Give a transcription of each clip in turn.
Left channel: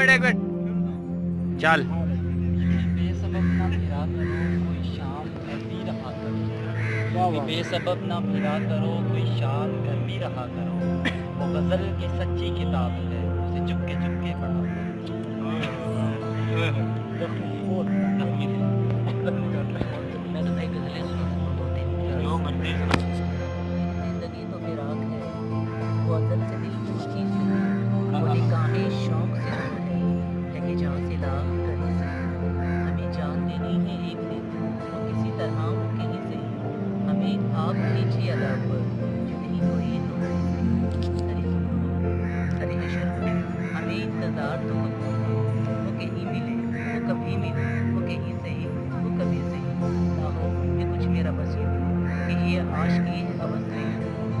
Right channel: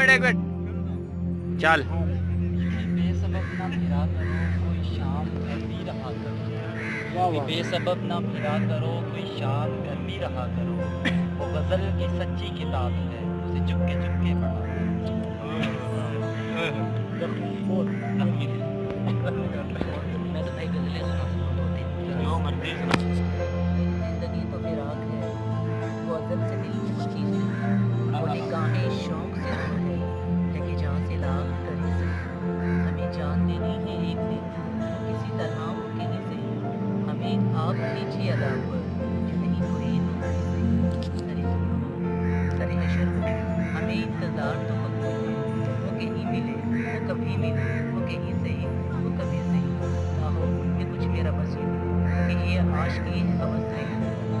चल बेसबब ना फिरा करो कोई शाम घर भी रहा करो, बेसबब ना फिरा करो कोई शाम घर भी रहा करो, वो गज़ल की सच्ची किताब है उसे चुपके चुपके पढ़ा मैं तो भाई गज़लें सुना सकता दो तीन। ज़िंदगी तो फिराक है वो अज़ल से दिल में खींच ले, वो निगाहें शौक से दूर है लेके जहाँ से लाख करी से, हमें जान देनी है एक दिन वो किसी तरह वो कहीं से, हमें आप कीजिए अदा पर जो नहीं कोई दूसरी से, अरे सुनो अरे हशर हो हमें इंतज़ार तो कबूल है, वो कहीं मिले वो कभी मिले वो कहीं सही वो कभी सही ना हो उनमें कुछ मेरा बस यूँ कि ये आशिकी है हवस नहीं,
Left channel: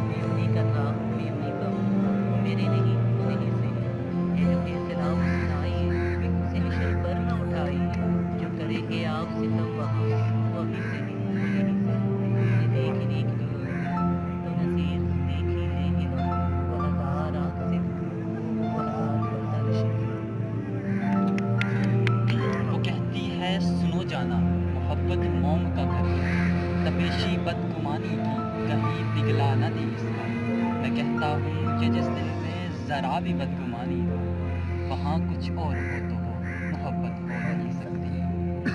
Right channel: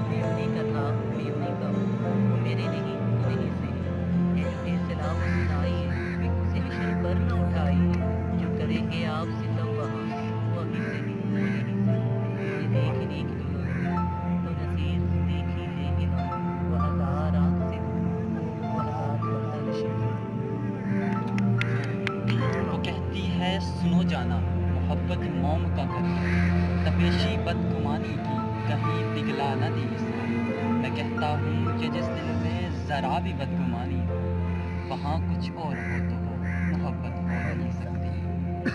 मैं उन्हीं का था मैं उन्हीं का हूँ, वो मेरे नहीं वो नहीं सही, ये जो फैसला वो सुनाई उसे हशर पर न उठाई, जो करेंगे आप सितम वहाँ वो अभी से ही वो यहीं से, ये देखने के लिए तो नसीर देखी लेंगे हम वो हज़ार आँख से वो हज़ार पर्दा नशीब। वो कहती है सुनो जाना मोहब्बत मोम का कर, तपेशी बदगुमानी की कहीं पिघला न दे इसको, मैं कहता हूँ कि जिस दिल में ज़रा भी बदगुमानी हो वहाँ कुछ और हो तो हो मोहब्बत हो नहीं सकती।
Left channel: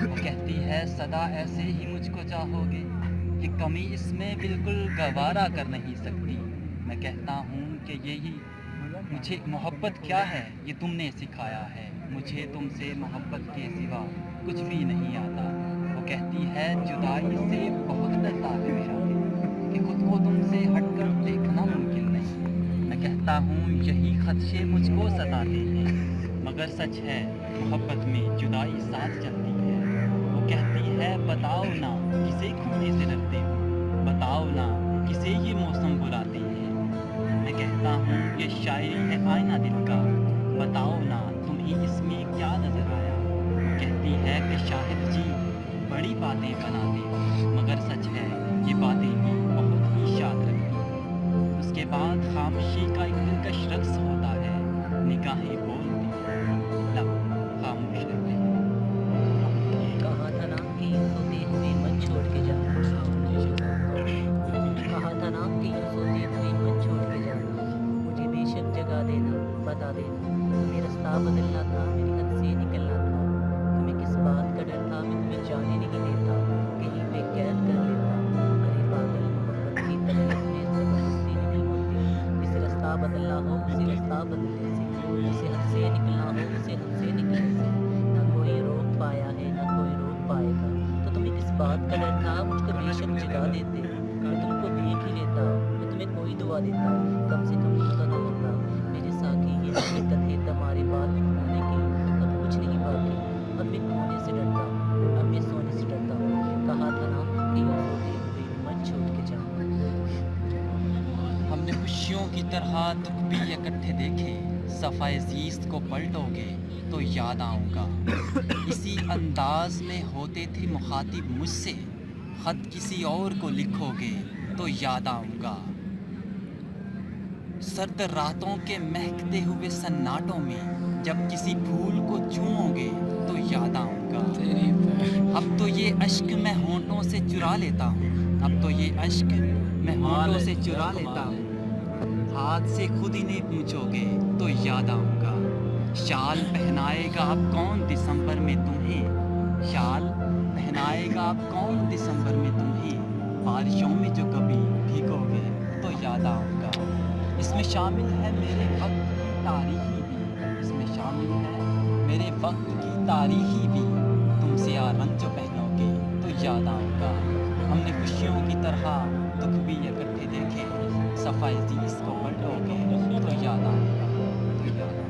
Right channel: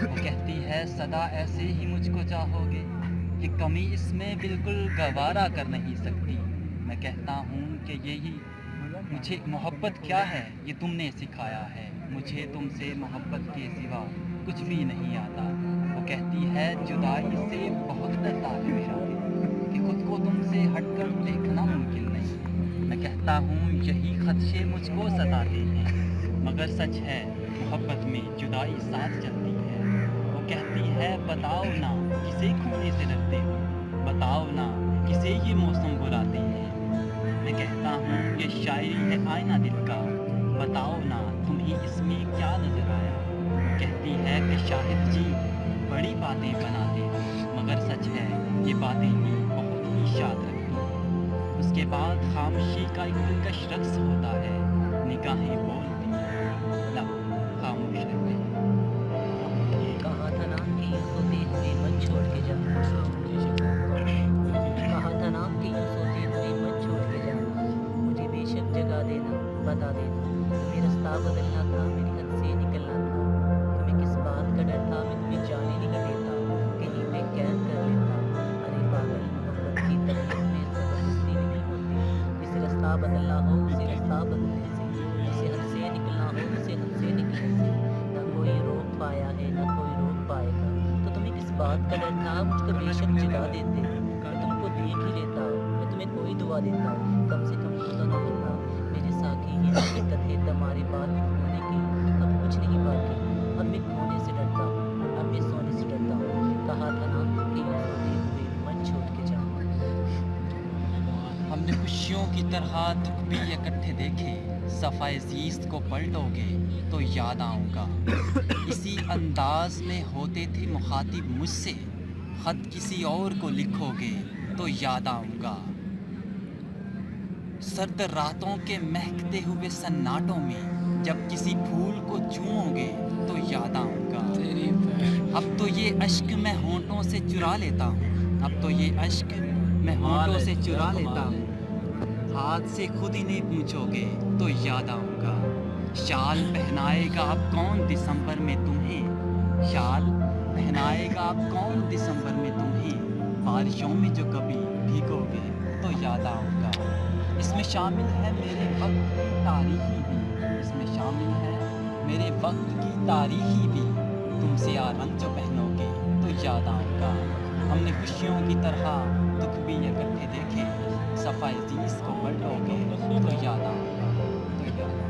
वो कहती है सदा ऐसे ही मुझको चाहोगे कि कमी इसमें बिल्कुल गवारा कर नहीं सकती, मैं कहता हूँ कि यही मुझे मोहब्बत क्या है ये तुमने सिखाया है, मुझे तुमसे मोहब्बत के सिवा कुछ भी नहीं आता। वो कहती है जुदाई से बहुत डरता है मेरा दिल कि खुद को तुमसे हटकर देखना मुमकिन नहीं, मैं कहता हूँ यही खदशे मुझको सताते हैं, मगर सच है मोहब्बत में जुदाई साथ चलती है। वो कहती है बताओ ना किसे खोने से डरते हो, बताओ ना किसे ये मौसम बुलाते हैं, मैं कहता हूँ ये शायरी है आईना दिल का, बताओ ना तुम्हें इसमें क्या नज़र आया। कहती है कि शाहिद जी बड़ी बातें बनाते हो मगर सच है ये बातें भी बहुत ही शाद रखती हैं। उसके बाद खामोशी का एक दिलकश रक्स होता है, निगाहें बोलती हैं लब खामोश रहते हैं। कहा था ना कि यूँ सोते हुए मत छोड़ के जाना, कहा था ना कि यूँ सोते हुए मत छोड़ के जाना, मुझे बेशक जगा देना बता देना, तुम्हें रास्ता बदलना था मेरी हद से निकलना था, तुम्हें किस बात का डर था मैं तुम्हें जाने नहीं देता, कहीं पे कैद कर लेता, अरे पागल मोहब्बत की तबीयत में ज़बरदस्ती नहीं होती, जिसे रास्ता बदलना हो उसे रास्ता बदलने से, जिसे हद से निकलना हो उसे हद से निकलने से, ना कोई रोक पाया है ना कोई रोक पाएगा, तो तुम्हें किस बात का डर था मुझको बेशक जगा देते, मैं तुमको देख ही लेता, मैं तुम्हें कोई दुआ देता, कम से कम तो ना होता मेरे साथी ये हकीकत है तुम्हारे बात होने की, अब कुछ नहीं बाकी, अब मैं खोने से डरता हूँ अब मैं सोने से डरता हूँ, कहा था ना कि यूँ सोते हुए मत छोड़ के जाओ। हमने खुशियों की तरह दुख भी इकट्ठे देखे, सफ़ाए ज़ीस्त को पलटोगे तो याद आऊँगा, इसी अंदाज में होते थे मुखातिब मुझसे, ख़त किसी और को लिखोगे तो याद आऊँगा, सर्द रातों के महकते हुए सन्नाटों में जब किसी फूल को चूमोगे तो याद आऊँगा, अब तो ये अश्क मैं होंठों से चुरा लेता हूँ, अब तो ये अश्क मैं होंठों से चुरा लेता हूँ, हाथ से खुद इन्हें पूछोगे तो याद आऊँगा, शाल पहनाएगा अब कौन दिसंबर में तुम्हें, शाल पहनाएगा अब कौन दिसंबर में तुम्हें, बारिशों में जो कभी भीगोगे तो याद आऊँगा, इसमें शामिल है मेरे वक्त की तारीखी भी, इसमें शामिल है मेरे वक्त की तारीखी भी, तुमसे आ रंग जो पहनोगे तो याद आऊँगा, हमने खुशियों की तरह दुख भी इकट्ठे देखे, सफ़ाई ज़ीस्त को पलटोगे तो याद आऊँगा तो याद आऊँगा।